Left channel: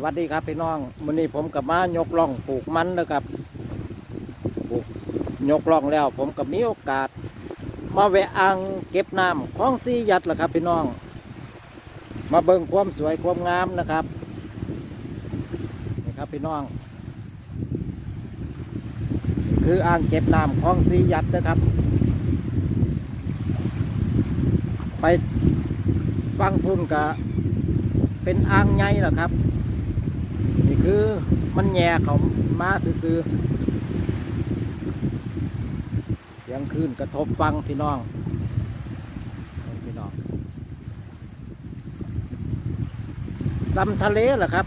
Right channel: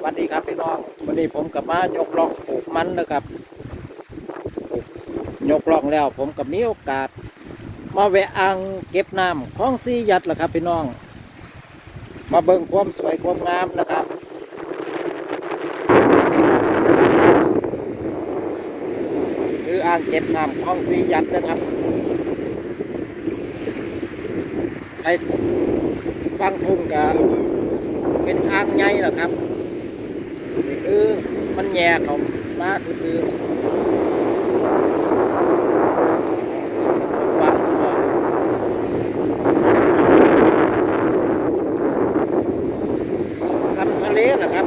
สวัสดีครับพี่น้องวันนี้ผมกับมายกล่องปลูกมันนะครับปลูกยกล่องแล้ว ผมกับมีโอกาส มาแวะอ่างเก็บน้ำคลองซียัดแหละครับ พี่น้อง มาเบิ่งความสวยความงามนะครับคืออ่างเก็บน้ำคลองซียัดนะครับ ไปฟังทุ่งกับเป็นอ่างใหญ่หละครับ นี่คือมันแย่เขามาซื้อยังคืนกับผมฟังพี่น้องซ้ำทะเลเหรอครับ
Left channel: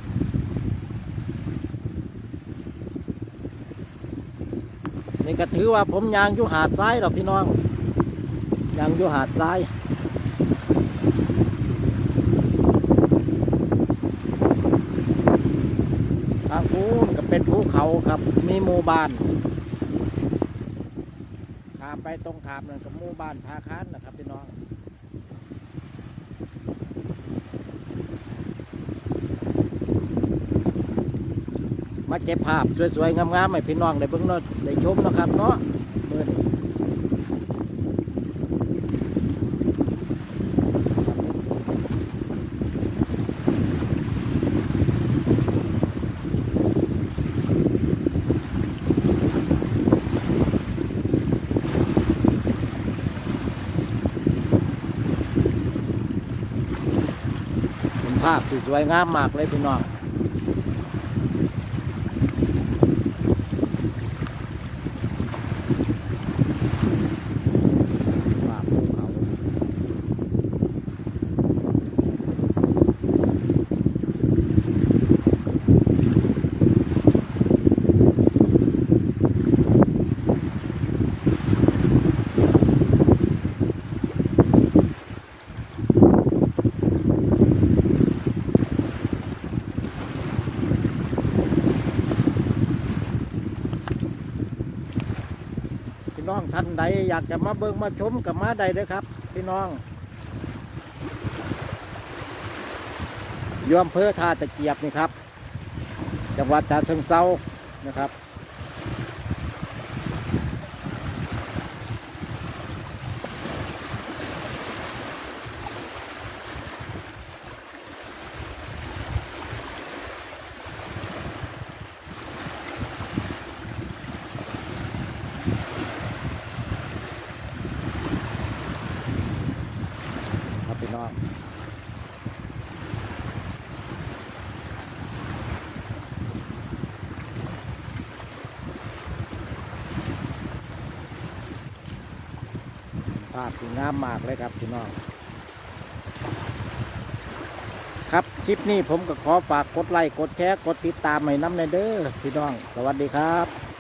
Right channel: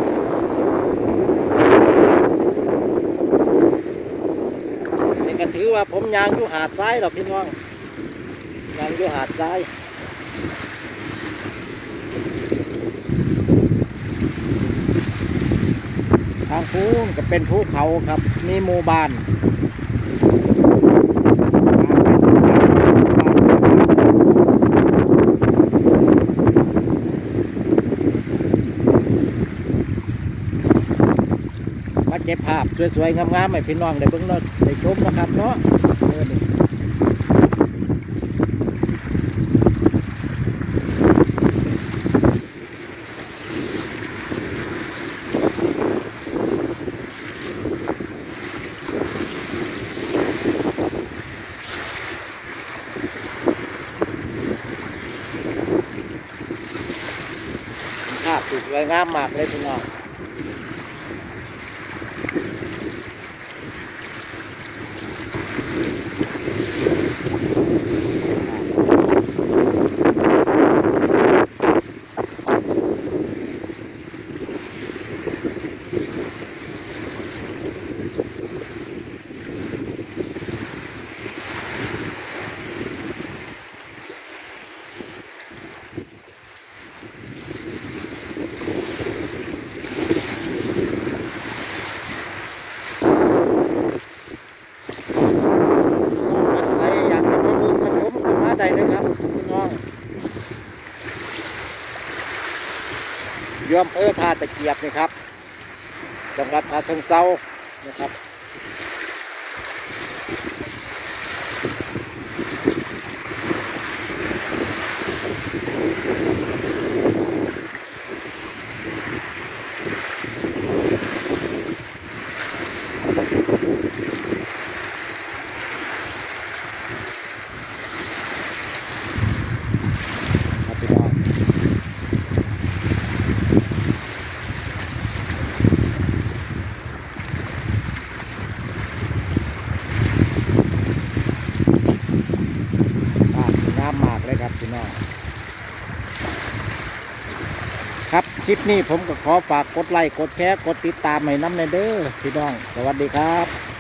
นี่ก็ถือว่าผมยางอยู่หาดทรายหรอพี่น้องยางอยู่หาดทรายางภูนก็เป็นภูเขาครับ มีหมู่บ้านทางไปทางบ้านบ้านนะครับมาเก็บภาพสวยๆงามๆให้พี่น้องได้เบิ่งเนาะได้ชมนะครับเนาะ ภาพที่สวยงามมากเลยพี่น้อง ก็ท่านใดอยากจะมาเบิ่งมาชม นะครับพี่น้องยอมเพื่อทาตะเกียบนี่ครับ จังหวัดทาเชิงเซานะครับพี่น้องาพสวยงามมากเลยครับพี่น้อง ครับคลิปนี้ผมก็ขอฝากกดไลค์กดแชร์กดติดตามให้น้ำในเด้อพี่น้อง สวัสดีครับ